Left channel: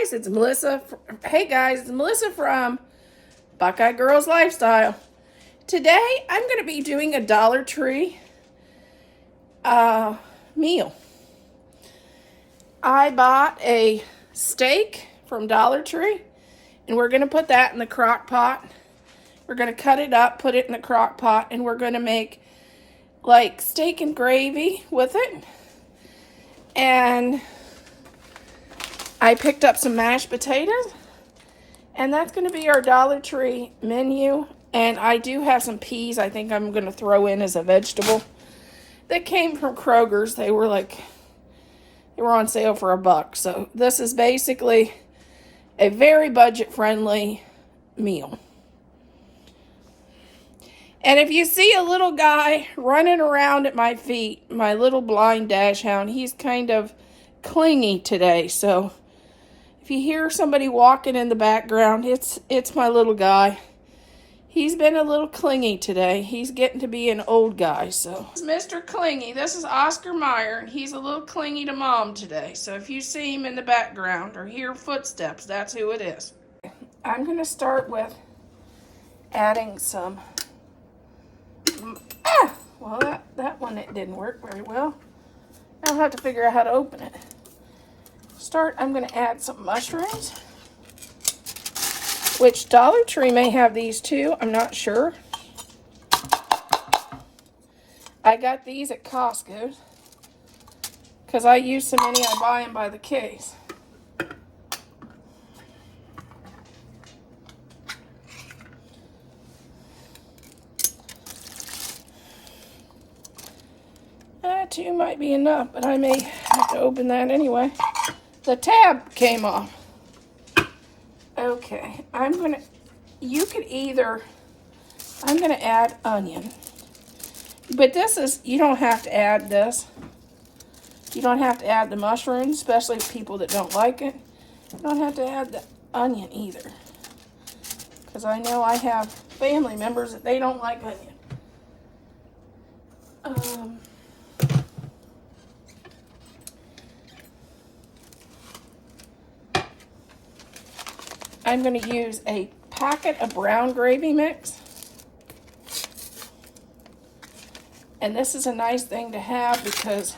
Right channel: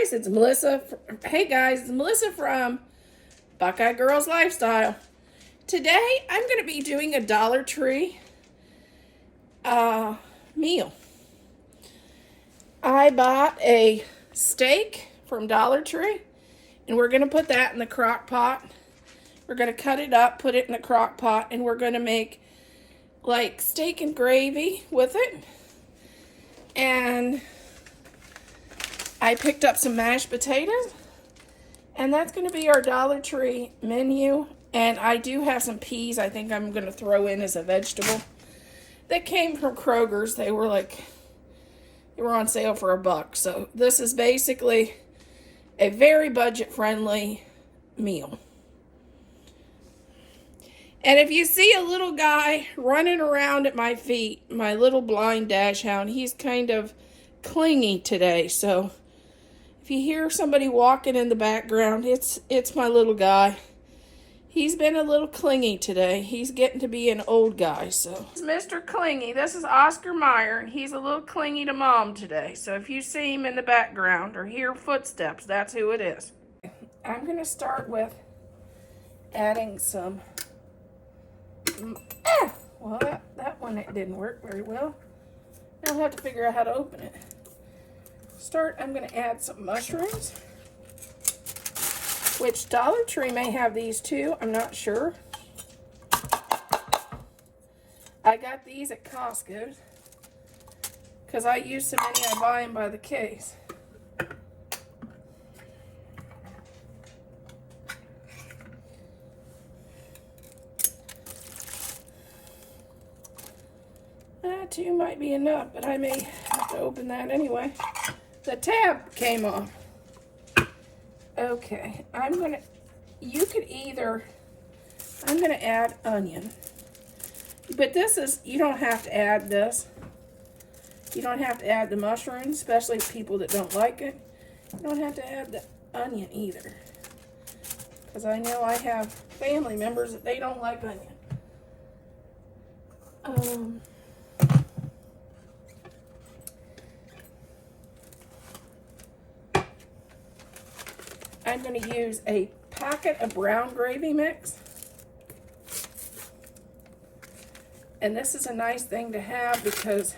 guys, it's Melissa. Hey guys, it's Melissa from Buckeye Girls Lifestyle. Today I'm going to be doing a Dollar Tree meal. I bought a steak from Dollar Tree and we're going to put that in the crock pot. We're going to cut it up, put it in the crock pot, and we're going to make like steak and gravy with it. And I picked up some mashed potatoes, and that's going to be our Dollar Tree menu. And I do have some peas I think I'm going to throw in as a vegetable. That came from Kroger's. They were on sale for $1. So this is basically a very budget-friendly meal. And if you see a little guy running around at my feet, my little blind dachshund, he's kind of clingy today. So if you hear somebody walking in the background, it's my little guy. He's been a little clingy today. He's getting to be an old guy, so. This is Mr. Clingy. This is Oscar Meyer, and he's a little clingy to Mom today. So if you see him in the background or hear footsteps, that's who it is. I'm going to start with adding some. Well, that one, it didn't work very well. I'll have to figure out how to open it. I'm going to add some mushrooms, which Dollar Tree may have these too. I'm not sure. I got these at Costco because I use so many I buy them by the case. That too might be enough, but I may have to open that anyway. The tab came off. Okay, I'm gonna add onion. But you don't have to add this. You don't have to add the mushrooms, especially people that don't like it. You don't have to add the onion either. Because I know I have family members that they don't like onion. I'm going to use a packet of brown gravy mix. And this is a nice thing to have because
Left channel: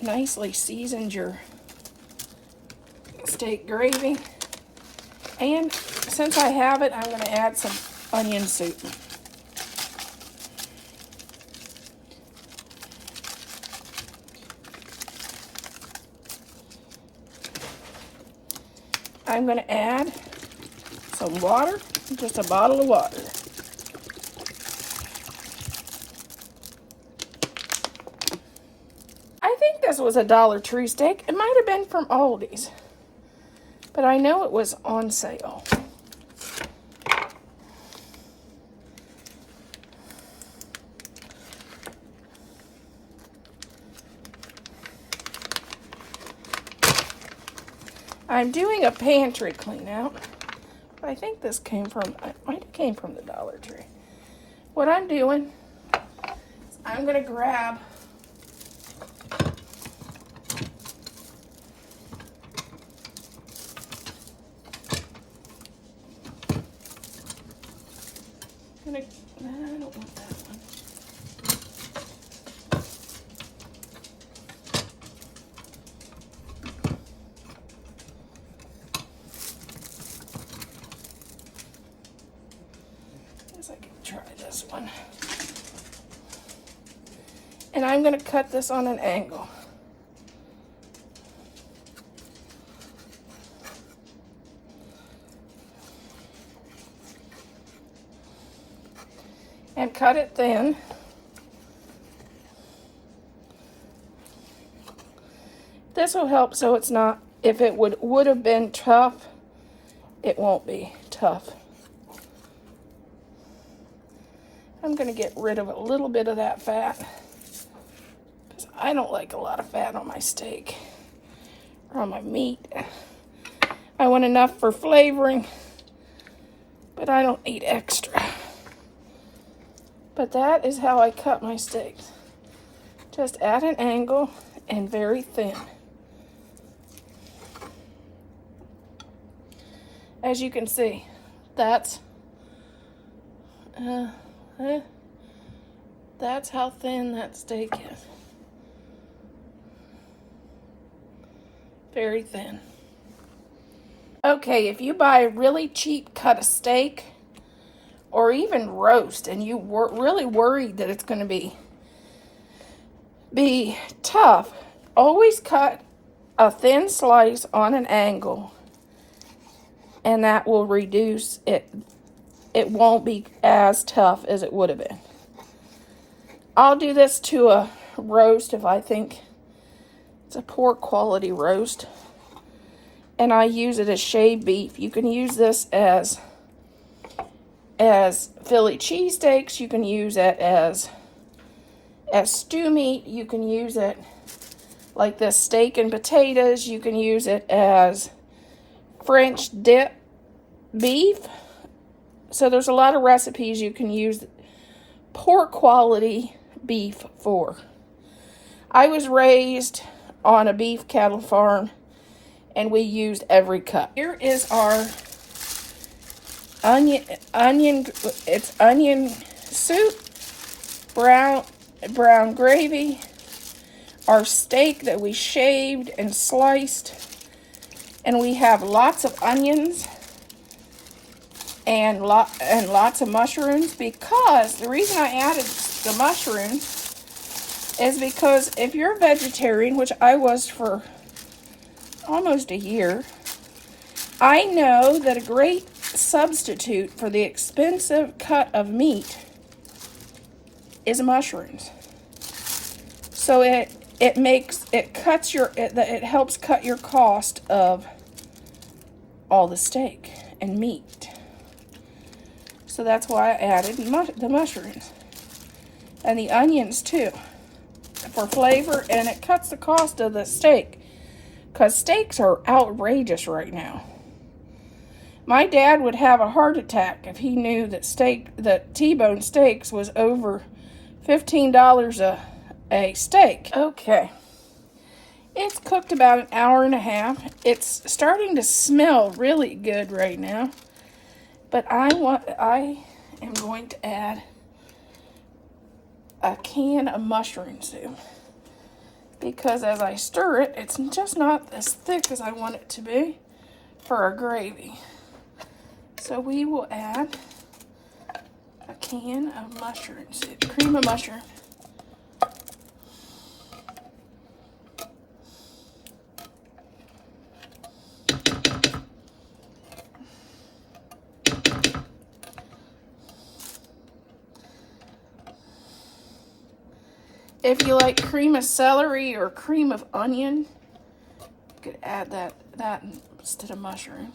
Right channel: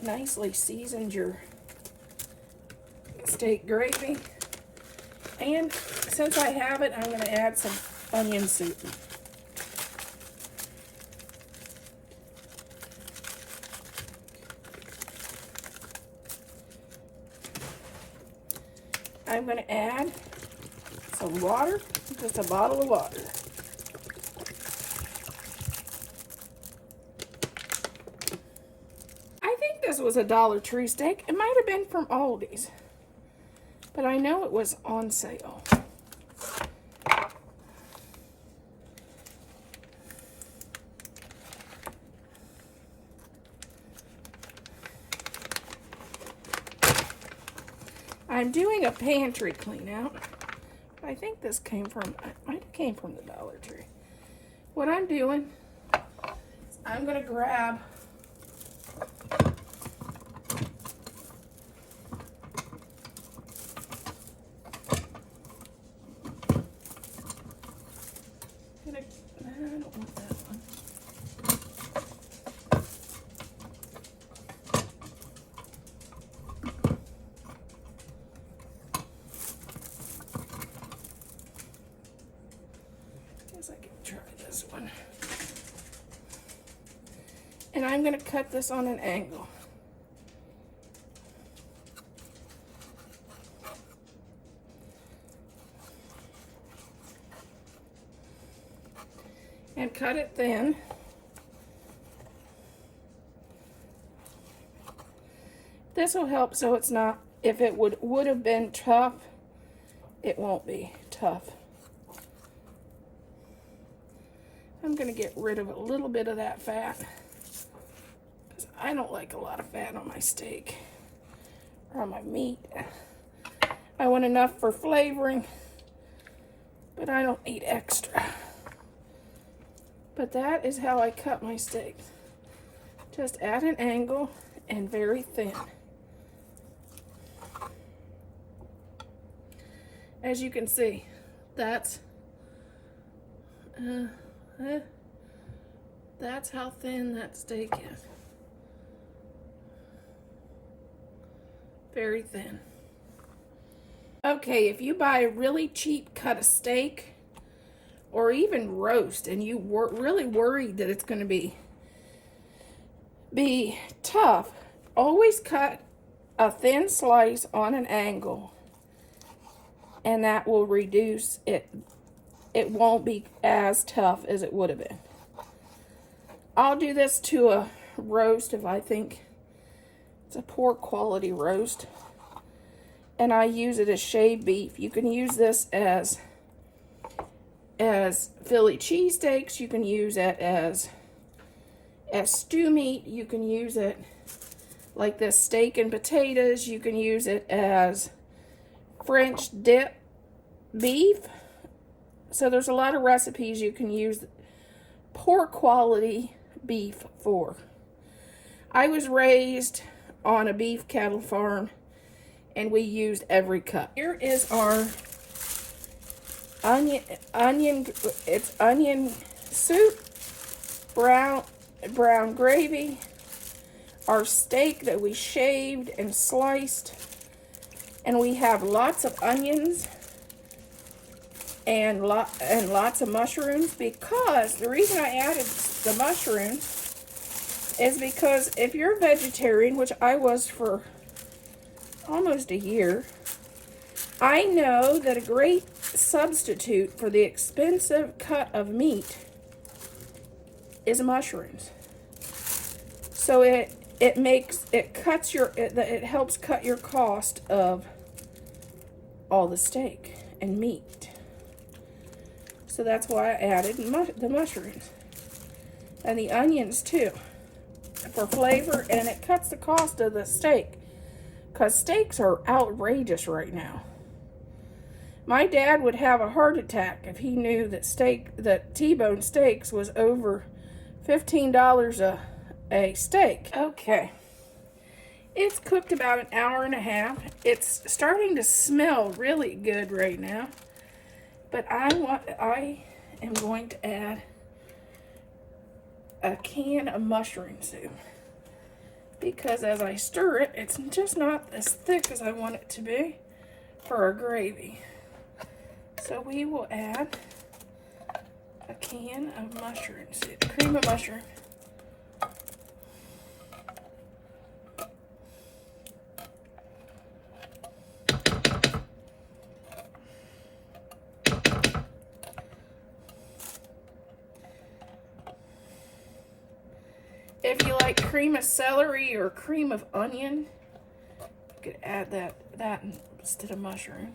it nicely seasons your steak gravy. And since I have it, I'm going to add some onion soup. I'm going to add some water, just a bottle of water. I think this was a Dollar Tree steak. It might have been from Aldi's, but I know it was on sale. I'm doing a pantry clean out. I think this it might have came from the Dollar Tree. What I'm doing is I'm going to grab I don't want that one. I can try this one. And I'm going to cut this on an angle. And cut it thin. This will help so it's not, if it would have been tough, it won't be tough. I'm going to get rid of a little bit of that fat because I don't like a lot of fat on my steak or on my meat. I want enough for flavoring, but I don't need extra. But that is how I cut my steaks. Just at an angle and very thin. As you can see, that's how thin that steak is. Very thin. Okay, if you buy a really cheap cut of steak or even roast and you really worried that it's going to be tough, always cut a thin slice on an angle, and that will reduce it. It won't be as tough as it would have been. I'll do this to a roast if I think it's a poor quality roast, and I use it as shaved beef. You can use this as Philly cheesesteaks. You can use it as stew meat. You can use it like this steak and potatoes. You can use it as French dip beef. So there's a lot of recipes you can use poor quality beef for. I was raised on a beef cattle farm, and we used every cut. Here is our onion. It's onion soup, brown gravy, our steak that we shaved and sliced, and we have lots of onions and lots of mushrooms, because the reason I added the mushrooms is because if you're a vegetarian, which I was for almost a year, I know that a great substitute for the expensive cut of meat is mushrooms. So it helps cut your cost of all the steak and meat. So that's why I added the mushrooms and the onions too, for flavor, and it cuts the cost of the steak, because steaks are outrageous right now. My dad would have a heart attack if he knew that T-bone steaks was over $15 a steak. Okay, it's cooked about an hour and a half. It's starting to smell really good right now, but I am going to add a can of mushroom soup, because as I stir it, it's just not as thick as I want it to be for a gravy. So we will add a can of mushroom soup, cream of mushroom. If you like cream of celery or cream of onion, you could add that instead of mushroom.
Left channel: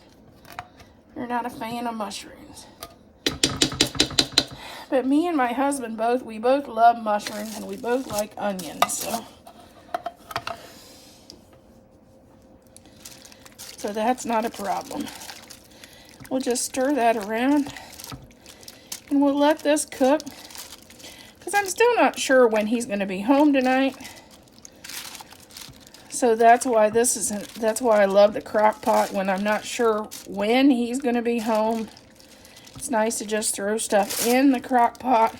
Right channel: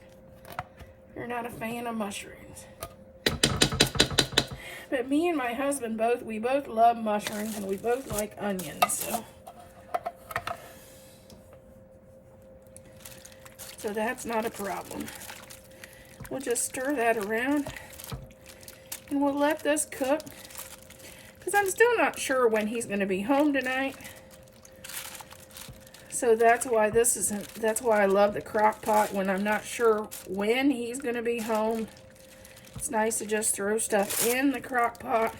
If you're not a fan of mushrooms. But me and my husband we both love mushrooms, and we both like onions, so that's not a problem. We'll just stir that around, and we'll let this cook, because I'm still not sure when he's going to be home tonight. So that's why that's why I love the crock pot. When I'm not sure when he's going to be home, it's nice to just throw stuff in the crock pot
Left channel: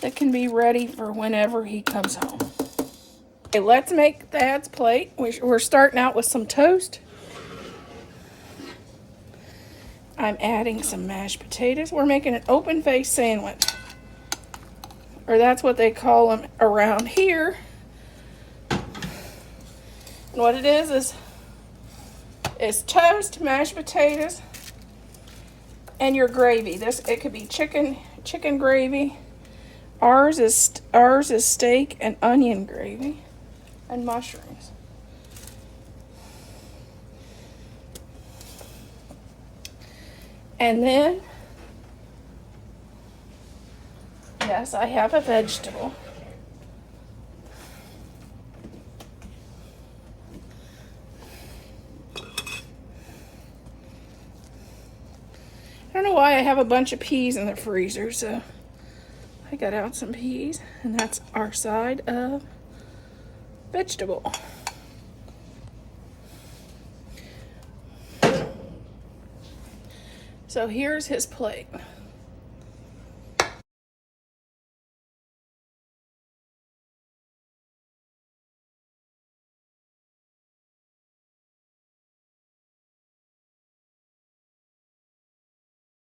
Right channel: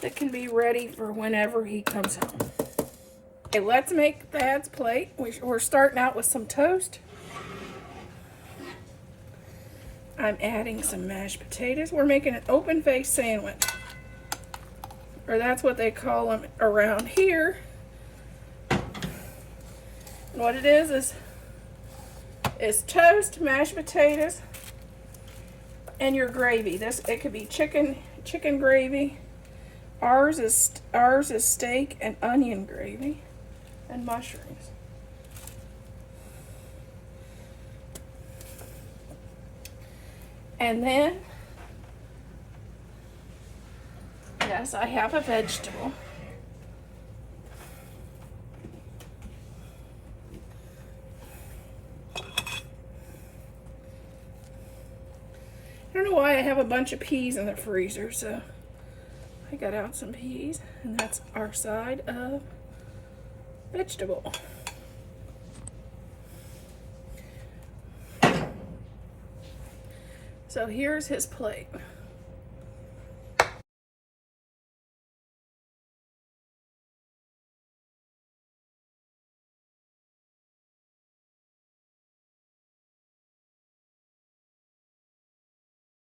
that can be ready for whenever he comes home. Okay, let's make Dad's plate. We're starting out with some toast. I'm adding some mashed potatoes. We're making an open-faced sandwich, or that's what they call them around here. And what it is toast, mashed potatoes, and your gravy. It could be chicken gravy. Ours is steak and onion gravy and mushrooms. And then, yes, I have a vegetable. I don't know why I have a bunch of peas in the freezer, so I got out some peas, and that's our side of vegetable. So here's his plate.